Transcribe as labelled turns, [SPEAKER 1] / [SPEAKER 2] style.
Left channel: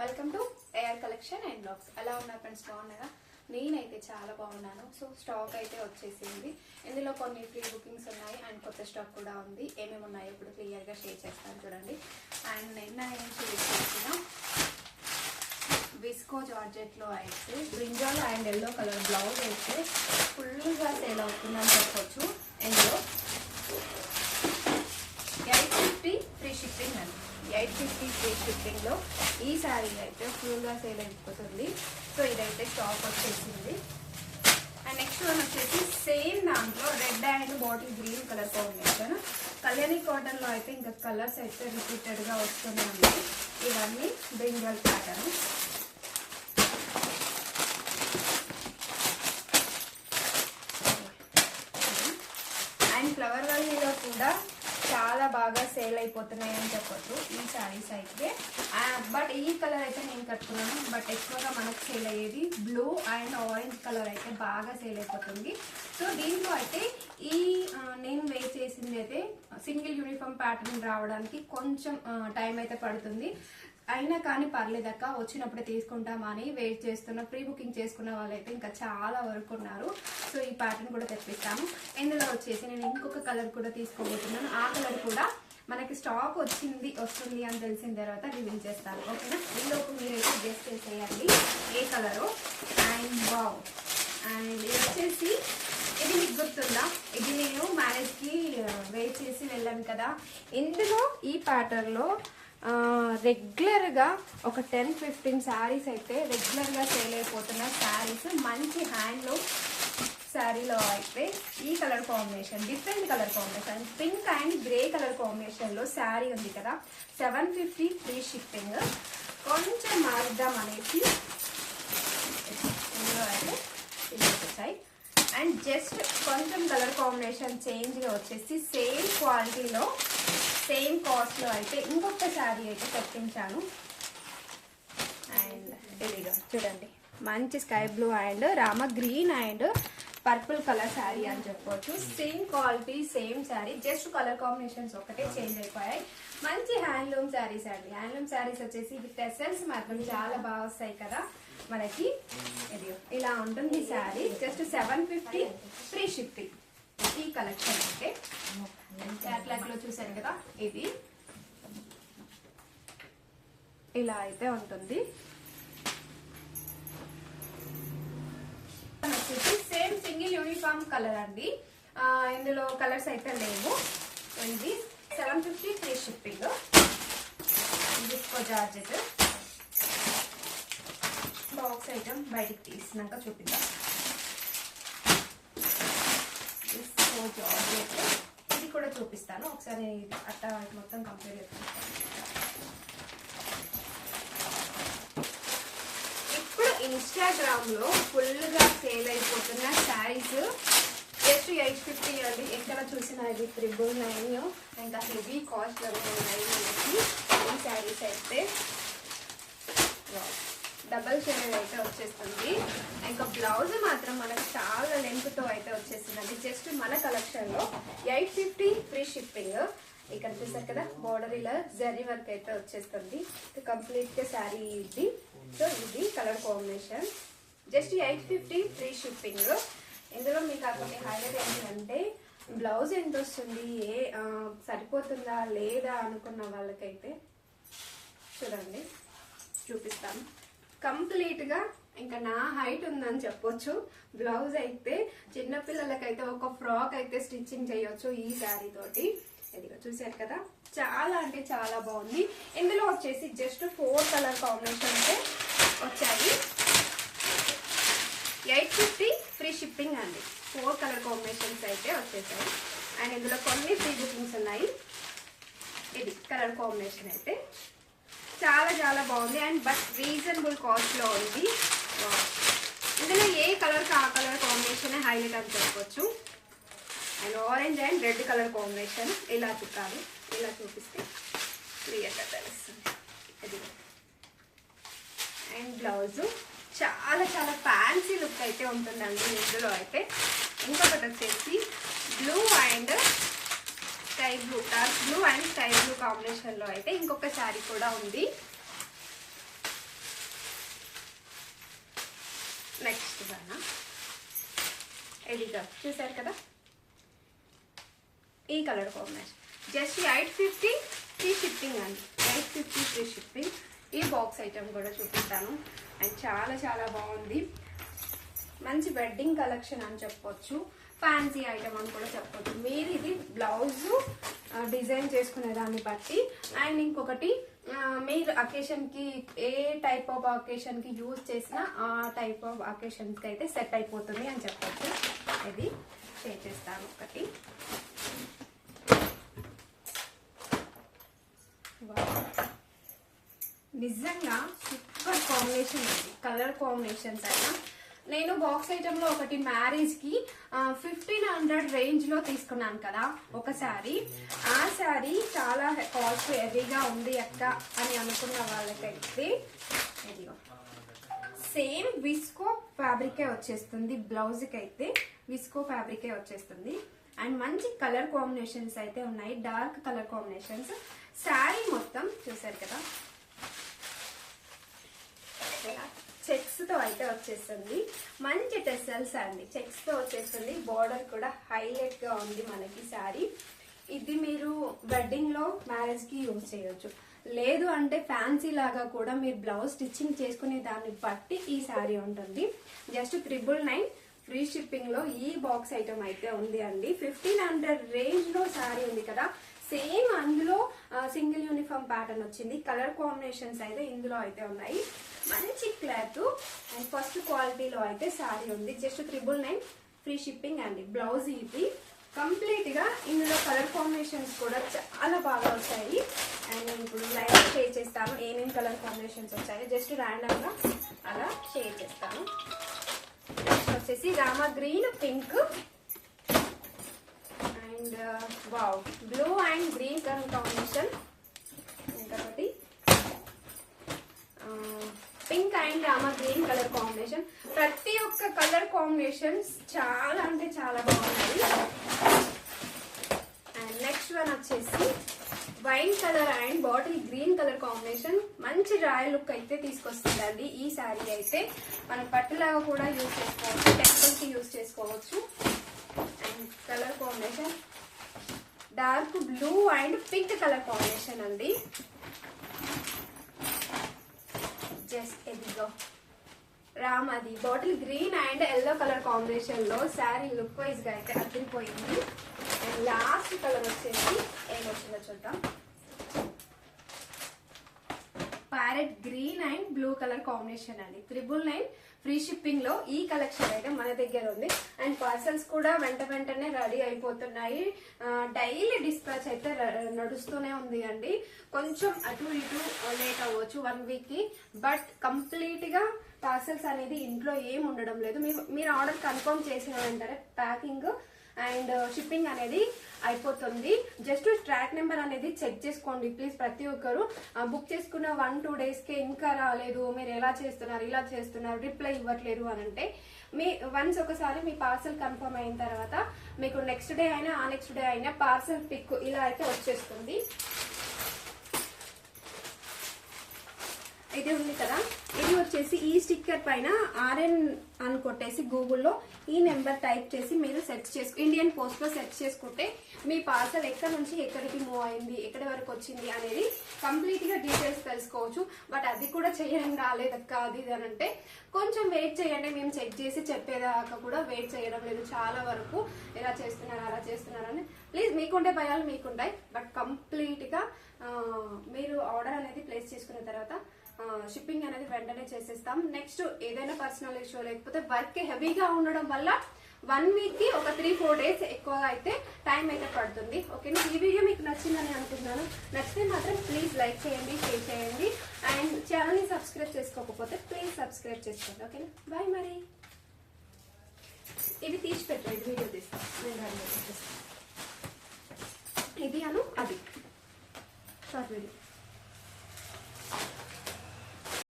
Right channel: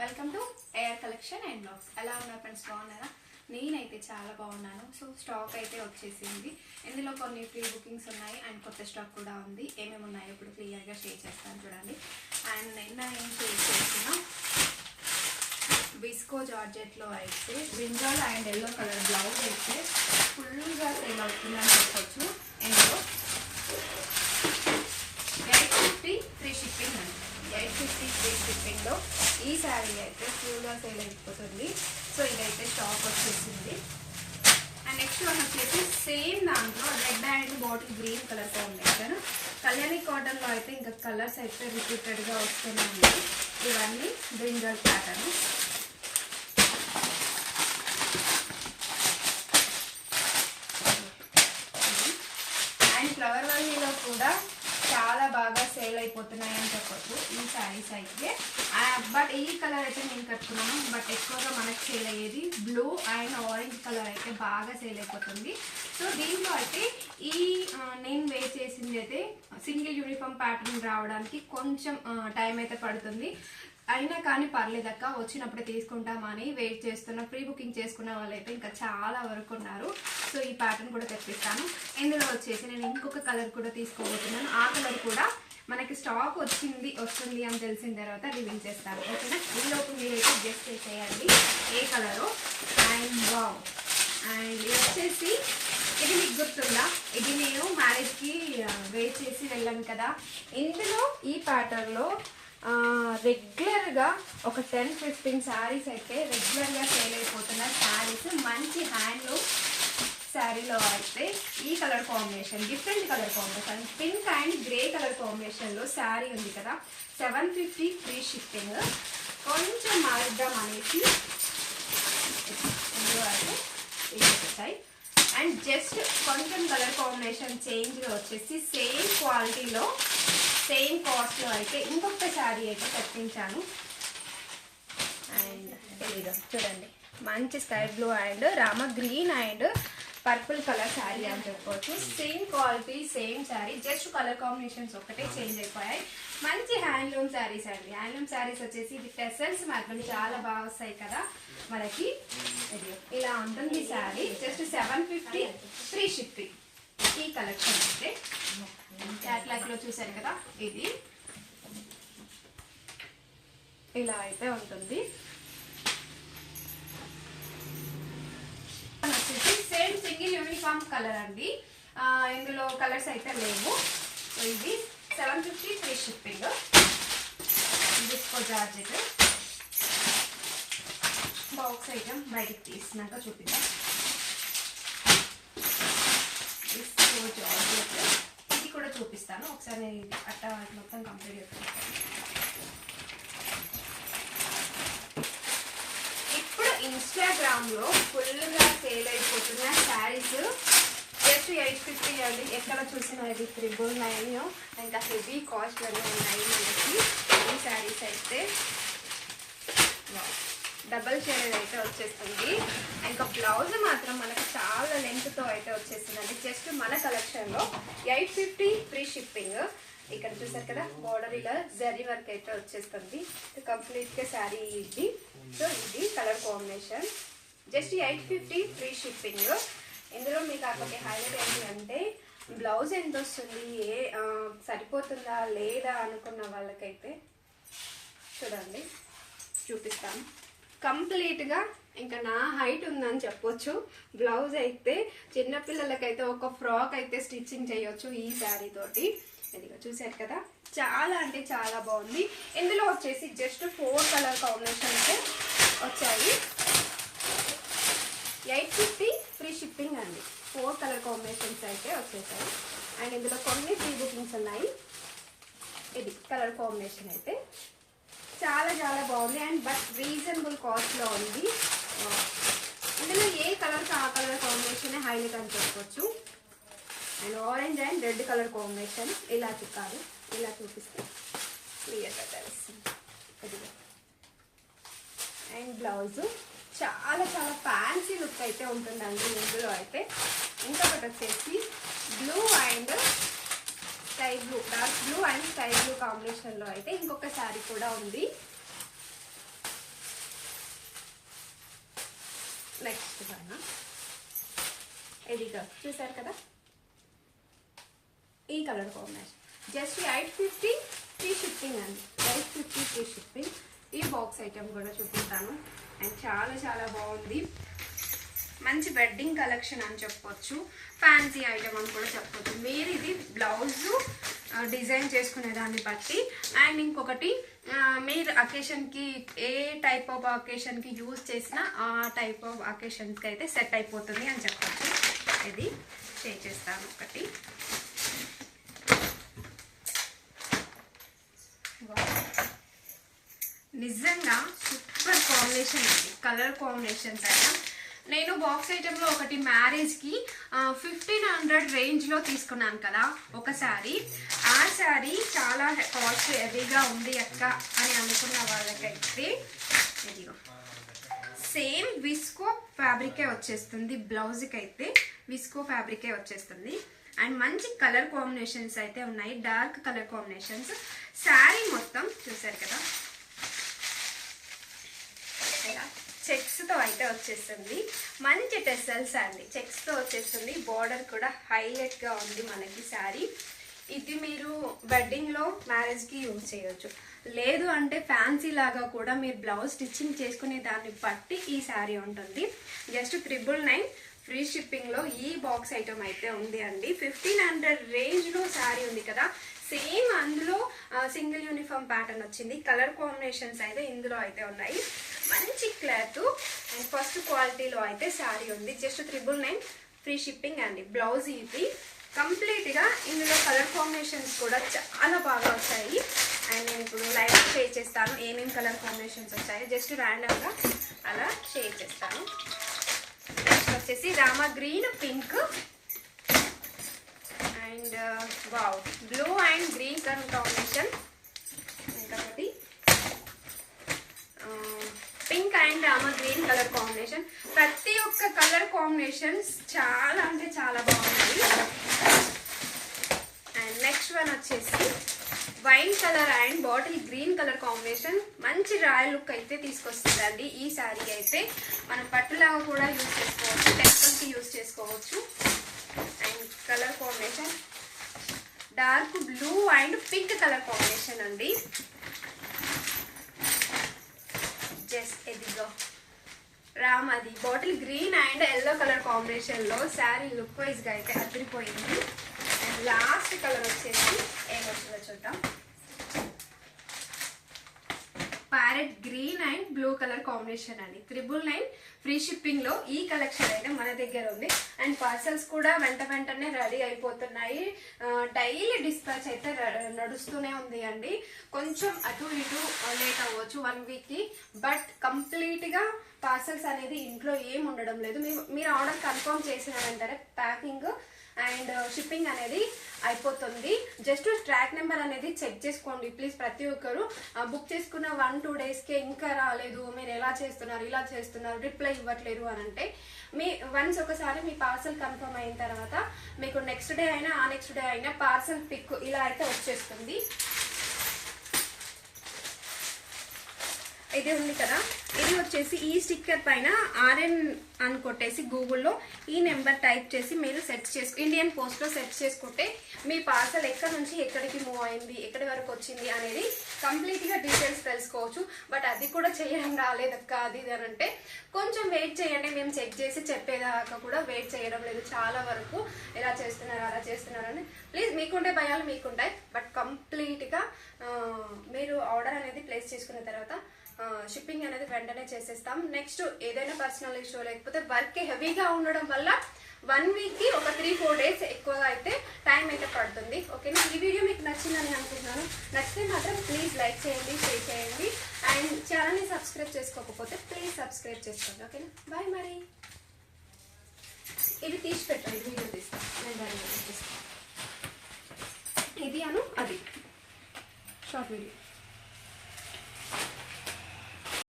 [SPEAKER 1] Welcome to air collection and blogs ఎలా ఉన్నాయి friends బాగున్నారా? నేనైతే చాలా బాగున్నాను. సో స్టాక్ అయితే వచ్చేసింది. ఇందులో కొన్ని ఫ్రీ బుకింగ్స్ ఉన్నాయి అండ్ కొత్త స్టాక్ కూడా ఉంది. ఏమేమి ఉన్నాయో ఇప్పుడు క్లియర్గా షేర్ చేస్తాను చూడండి. అండ్ నిన్న నేను షేర్ చేసిన? విస్కో జార్జెట్లో అయితే brinjal and yellow colour blouse అయితే ఫుల్గా సేల్ అవుతుందని చెప్పొచ్చు. ఇందులో ఎయిట్ ఫిఫ్టీ ఫ్రీ షిప్పింగ్ అండి. ఎయిట్ ఫిఫ్టీ ఫ్రీ షిప్పింగ్లో ఈ శారీ అయితే ఫుల్గా సేల్ అయిపోతుంది. సో ఇదైతే స్టాక్ వచ్చేసింది. అండ్ నెక్స్ట్ వన్ వచ్చేసి సేమ్ దాంట్లో red and bottle green colour combination Kalyani కాటన్లో అయితే ఇంకా కలర్స్ అయితే రిపీటెడ్గా వస్తూనే ఉన్నాయి. ఇవన్నీ బ్రింజల్ ప్యాటర్న్. అండ్ ఫ్లవర్ వల్లీలో కూడా చాలా బాగా సేల్ అయిపోతున్నాయి అని చెప్పొచ్చు ఈ శారీస్ అయితే. బట్ ఈ కలర్ అయితే నేను కట్టుకున్నాను. బట్ ఎక్కువగా మనకు సేల్ అయ్యేది బ్లూ అండ్ ఆరెంజ్ కలర్ అయితే బాగా సేల్ అయిపోతుంది. సో దీంట్లో అయితే ఈ నేను వేస్ట్ చేసింది అయితే సింగిల్ యూనిఫామ్ ప్యాటర్న్ రావడానికి కొంచెం టైం అయితే పడుతుంది. అయినా కానీ పర్లేదక్క వచ్చినప్పుడు తీసుకుంటామా అని వెయిట్ చేస్తున్న ప్రీ బుకింగ్ చేసుకున్న వాళ్ళైతే ఇంకా చాలా వరకు ఉన్నారు. సో ఈ ప్యాటర్న్ కూడా తెప్పిస్తాను. ఇందులో వచ్చేసి నేను ఇంకొక కలర్ కూడా తీసుకోబోతున్నాను. ఆ కలర్ కూడా మనకి స్టాక్ వచ్చింది వస్తుంది అని తెలిసిన తర్వాత రివీల్ చేస్తాను. ఓకేనా? ఈలోపు మీరైతే జస్ట్ చేసేయండి. ఏ కలరు అండ్ వావ్ అండ్ ఇది వచ్చేసి ఇది మీకు గుర్తుందా? ఇది నేను మ్యారేజ్కి వెయిట్ uh, చేసి వెళ్ళాను కదా. ఇందులో ఈ ప్యాటర్న్లో రెగ్యులర్గా ఒక టెన్ ఫిఫ్టీన్ శారీస్ అయితే రెగ్యులర్గా సేల్ అయిపోతున్న శారీస్ మంచి హ్యాండ్లూమ్ శారీలో అయితే ఈ colour combination different colour combination pink and grey colour కాంబినేషన్లో శారీ ఉంది కదా. సెవెన్ ఫిఫ్టీ ఫ్రీ షిప్పింగ్ కొంచెం మారుద్దాం అనేసి అయితే అండ్ జస్ట్ కొంచెం కలర్ కాంబినేషన్ చేంజ్గా వచ్చేసి సేమ్ క్వాలిటీలో సేమ్ కాస్ట్లో అయితే ఇంకొక శారీ అయితే తెప్పించాను అండ్ తెలీదు. చూడండి. మంచి sky blue and Rama green and purple colour sari అని చెప్పొచ్చు. Same quality same sari just colour combinations ఒకటే చేంజ్ అయిపోయాయి. మంచి హ్యాండ్లూమ్ శారీస్ అండి. హ్యాండ్లూమ్ శారీస్ వచ్చేసి ఇది టెసల్స్ మాత్రం చాలా బాగా వస్తాయి కదా మనకి. ఇది ఇలా ఉంటుంది sari just seven fifty free shipping ఈ కలెక్షన్ అయితే క్యాట్లాగ్లో చూసారు కదా ఇది. ఇలా అయితే ఉంటుంది. వచ్చేసి సేమ్ సింగిల్ యూనిఫామ్ కలర్ అండి. ఇందులో కలర్స్ అయితే లేవు. ఇది seven fifty free shipping disco georgette box item బయటికి తీసినాక చూపిద్దాం. డిస్కో జార్జెట్ ఇది కూడా చూపిస్తాను. ఒకసారి అట్ట మొత్తం కంప్లీట్ చేస్తాను ఇప్పుడు ఇన్స్టాగ్రామ్లో ఫుల్గా సేల్ అయిపోతున్న శారీస్ జస్ట్ ఎయిట్ ఫిఫ్టీ అండి. ఎక్కడ చూసినా ఇది త్రిబుల్ నైన్. ఇంకా హెవీ కాస్ట్ ఉన్నాయి మనకి ఈ శారీస్ అయితే. డబల్ షేడెడ్ అయితే వచ్చేస్తుంది. ఇంకా బ్లౌజ్ మాత్రం మనకు చాలా లెంత్తో అయితే అయితే అది జస్ట్ మన కలెక్షన్లో ఎయిట్ ఫిఫ్టీ ఫ్రీ షిప్పింగ్. ఇక్కడ చూసారు కదా బోర్డర్ ఇలా జరీ వర్క్ అయితే వచ్చేస్తుంది. కంప్లీట్గా శారీ ఇది. సో ఇది colour combination just eight fifty free shipping. ఇందులో మీకు అక్కడ హైలైట్ ఏంటంటే బ్లౌజ్ ఎంత వస్తుంది? ఏ సరిపోతుందా? లేదా? అనుకున్న వాళ్ళకైతే చూడండి. చూపిస్తాను కంప్లీట్గా ఇంకా నా హైట్ ఉందని చెప్పొచ్చు. బ్లౌజ్ అయితే చిన్నపిల్లలకైతే ఒక ఫ్రాక్ అయితే స్టిచ్చింగ్ చేయొచ్చు ఈ శారీ తోటి. ఇదిగో చూసారు కదా చాలా అంటే చాలా బాగుంది. ఇందులో వచ్చేసి జస్ట్ ఫోర్ కలర్ కాంబినేషన్ అయితే వచ్చాయి. ఎయిట్ ఫిఫ్టీ ఫ్రీ షిప్పింగ్ అండి. ఫోర్ కలర్ కాంబినేషన్స్ అయితే వచ్చేసాయి. అండ్ ఇందులో కొన్ని ఫ్రీ బుకింగ్స్ ఉన్నాయి. ఇది కలర్ కాంబినేషన్ అయితే. చాలా చాలా బాగుంది. అండ్ బట్ రీజనబుల్ కాస్ట్లో ఉంది. ఇందులో ఏ కలర్కి ఆ కలర్ కాంబినేషన్ హైలైట్ అని చెప్పొచ్చు. And orange and red colour combination ఇలా చూపాలి ఇలా చూపిస్తే క్లియర్గా తెలుస్తుంది. ఇది అండ్ బ్లౌజు చాలా చాలా ఫ్యాన్సీ లుక్ అయితే ఉంటుందండి ఇందులో అయితే. ఇంకొకటి వచ్చేసి blue dark blue and sky blue కాంబినేషన్లో అయితే ఇంకొక శారీ కూడా ఉంది. నెక్స్ట్ దానా? ఎడిగా చూసారు కదా? ఈ colour combination. Just eight fifty free shipping అండి. ఎయిట్ ఫిఫ్టీ ఫ్రీ షిప్పింగ్ ఈ బాక్స్ ఐటమ్ కూడా చూపిస్తాను. అండ్ చాలా చాలా బాగుంది. మంచి వెడ్డింగ్ కలెక్షన్ అని చెప్పొచ్చు. ఫ్యాన్సీ ఐటమ్ అని కూడా చెప్పొచ్చు. మీరు ఇది బ్లౌజ్ డిజైన్ చేసుకునే దాన్ని బట్టి. అండ్ ఇంకొకటి మీరు అకేషన్కి ఏ టైప్ ఆఫ్ అకేషన్కి యూజ్ చేసినా ఆ టైప్ ఆఫ్ అకేషన్స్కి అయితే సెట్ అయిపోతుంది అని చెప్పొచ్చు. ఇది షేర్ చేస్తాను ఒకటి. నిజంగా సూపర్ కాంబినేషన్ అండి. కలర్ కాంబినేషన్స్ అయినా నేను బాక్స్ ఐటెంలో ఒకటి మ్యారేజ్కి ఫిఫ్టీన్ హండ్రెడ్ రేంజ్లో తీసుకున్నాను కదా ఒక శారీ ఆ శారీ చాలా కాస్ట్ హెవీగా ఉంది అక్క అని అనుకున్న వాళ్ళకైతే ఇదిగో. సేమ్ విస్కో ఫ్యాబ్రికే వచ్చేస్తుంది బ్లౌజ్కి అయితే విస్కో ఫ్యాబ్రికే వచ్చేస్తుంది. అండ్ మంచి కలర్ కాంబినేషన్స్ అయితే ఉన్నాయి డార్క్ కలర్ కాంబినేషన్స్ శారీ మొత్తం చూసారు కదా? చెక్స్తో అయితే వచ్చేస్తుంది. మంచి టెసల్స్ అండి. చెక్స్తో వచ్చేస్తుంది. బార్డర్ కూడా హైలైట్గా ఉంది మనకి శారీ. ఇది మీరు వెడ్డింగ్లో మ్యారేజ్కి యూజ్ చేయొచ్చు. లేదు అంటే ఫ్యాన్సీ లాగా కూడా మీరు బ్లౌజ్ స్టిచ్చింగ్ చేసుకునే దాన్ని బట్టి ఈ శారీ ఉంటుంది. జస్ట్ త్రిబుల్ నైన్ ఫ్రీ షిప్పింగ్లో ఈ బాక్స్ ఐటమ్ అయితే ఉంది అండి. ఫిఫ్టీన్ హండ్రెడ్ రేంజ్లో శారీ ఉంది కదా. సేమ్ అందులో సింగిల్ యూనిఫామ్ ప్యాటర్న్ వచ్చింది. కలర్ కాంబినేషన్స్ అయితే ఇందులో అయితే ఉన్నాయి. మంచి క్లాత్. అండ్ ఫస్ట్ క్వాలిటీలో అయితే శారీ ఉంది. Just triple nine free shipping అండి. బ్లౌజ్ ఇది. కంప్లీట్గా ఇందులో కలర్ కాంబినేషన్స్ కూడా చాలా బాగా వచ్చాయి. అండ్ నేను ఇప్పుడు లైవ్ షేర్ చేస్తాను. ఏమేమి కలర్ కాంబినేషన్స్ వచ్చాయో జస్ట్ ర్యాండమ్గా అలా షేర్ చేస్తాను. నెక్స్ట్ వచ్చేసి Rama green pink and wow blue and green colour combination ఇంకొకటి pink and Rama green colour combination ప్రతి ఒక్క కలర్ కాంబినేషన్స్ చాలా అంటే చాలా బాగున్నాయి. అండ్ నెక్స్ట్ వన్ వచ్చేసి wine colour and bottle green colour combination మంచి రాయల్ లుక్ అయితే తీసుకొస్తుందండి. ఈ శారీ అయితే మనం పట్టులాగా కూడా యూజ్ చేసుకోవచ్చు టెంపుల్కి యూజ్ చేసుకోవచ్చు. Colour combination. Dark blue and pink colour combination అండి. జస్ట్ ఎదిగో రామ్ అది. Bottle green and yellow colour కాంబినేషన్లో శారీ లుక్ వైజ్గా అయితే అదిరిపోయింది. అండ్ లాస్ట్ కలర్ వచ్చేసి ఏమొచ్చిందో? Parrot green and blue colour combination అండి. త్రిబుల్ నైన్ ఫ్రీ షిప్పింగ్లో ఈ కలెక్షన్ అయితే మన దగ్గర ఉంది. అండ్ పార్సల్స్ కూడా వెంట వెంటనే రెడీ అయిపోతున్నాయి. డైలీ డిస్పాచ్ అయితే నడుస్తూనే ఉంది అండి. కొంచెం అటు ఇటు లేట్ అవ్వచ్చు వన్ వీక్కి. బట్ కంప్లీట్గా పార్సల్స్ అనేది ఇంట్లో ఏం ఉండడం లేదు. మీరు ఆర్డర్ కన్ఫర్మ్ చేసిన వెంటనే ప్యాకింగ్ అండ్ uh, షిప్పింగ్ అనేది అయిపోతుంది. జస్ట్ ట్రాక్ నెంబర్ అనేది చెక్ చేసుకోండి ప్లీజ్ ప్రతి ఒక్కరు. బుక్ uh, చేసుకున్న వన్ టూ డేస్కే ఇంకా రాలేదు మీరు ఎలా చేస్తున్నారు ఇలా చేస్తున్నారు రిప్లై ఇవ్వట్లేదు అని అంటే మీ వన్స్ ఒకసారి మీ పార్సల్ కన్ఫర్మ్ అయిన తర్వాత మీకు నెక్స్ట్ డే అయినా ఆ నెక్స్ట్ డే అయినా పార్సల్ పిక్ ఇలా అయితే వచ్చేస్తుంది. ఇది ఉంది కదా. ఇది వచ్చేసి ఈ స్టిక్కర్ పైన ఆర్ఎన్ అని కొట్టేసి గూగుల్లో ఈ నెంబర్ టైప్ చేసి మీరు సెర్చ్ చేసి ఇండియన్ పోస్ట్లో సెర్చ్ చేసుకుంటే మీ పార్సల్ ఎక్కడి నుంచి ఎక్కడికి మూవ్ అయింది ఎక్కడి వరకు వచ్చింది అనేది కంప్లీట్గా డీటెయిల్స్ తెలుసుకోవచ్చు. బట్ అది కూడా చేయడం రాలేదక్క అది ఇది అని అంటే కొంచెం వెయిట్ చేయండి. మేము చెక్ చేసి చెప్పేదాకా కూడా వెయిట్ చేయడం లేదు. చాలా వరకు ఎలా చేస్తున్నారు అలా చేస్తున్నారు అని. ప్లీజ్ మీకుండే భయాలు మీకుంటాయి. బట్ కంప్లీట్గా మీరు ఆర్డర్ అనేది ప్లేస్ చేసుకున్న తర్వాత షిప్పింగ్ అనేది వెంటనే చేసేస్తాం. నెక్స్ట్ ఏదైనా పర్సనల్ ఇష్యూ లేకపోతే వర్క్ హెవీగా ఉండడం వల్ల వన్ వీక్కి ఒక త్రీ ఫోర్ డేస్ ఎక్కువగా అయితే టైం అయితే పడుతుంది. ఓకేనా ఈ వీడియో మీకు నచ్చిందని అనుకుంటున్నాను. నచ్చితే మాత్రం ప్లీజ్ లైక్ చేయండి షేర్ చేయండి. అండ్ ఛానల్ని సబ్స్క్రైబ్ చేసుకోకపోతే ప్లీజ్ సబ్స్క్రైబ్ చేసుకోండి. ఓకేనా బాయ్ మరి. ఇది తీసి పెట్టండి వీడియో తీస్తాను ఇది అను అది. Short video